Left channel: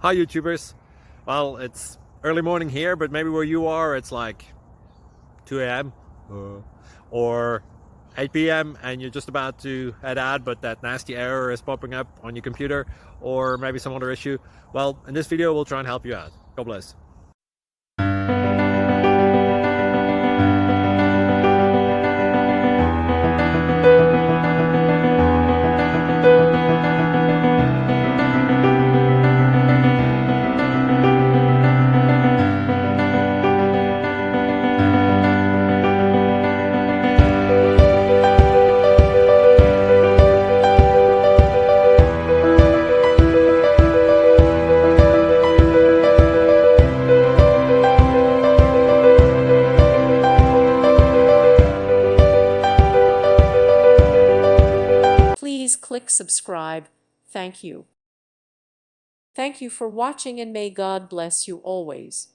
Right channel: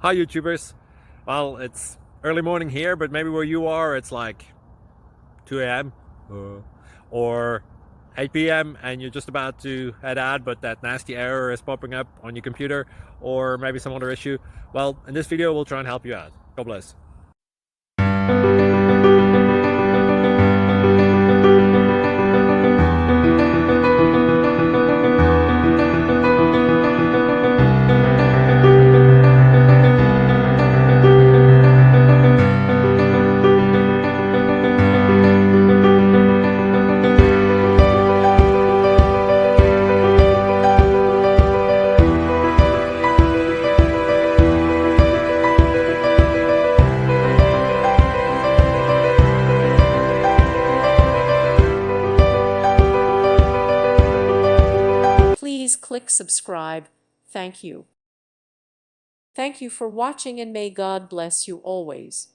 Hi YouTubers. Well, it's early morning here, but maybe where you are it's like 2 a.m. or 8 p.m. and you're just about to head out, but that nasty error is popping up on your computer, or maybe some other issue. Well, in this video we'll try and help you out. God bless. Please click subscribe. Thank you. Thank you for watching and may God bless you always.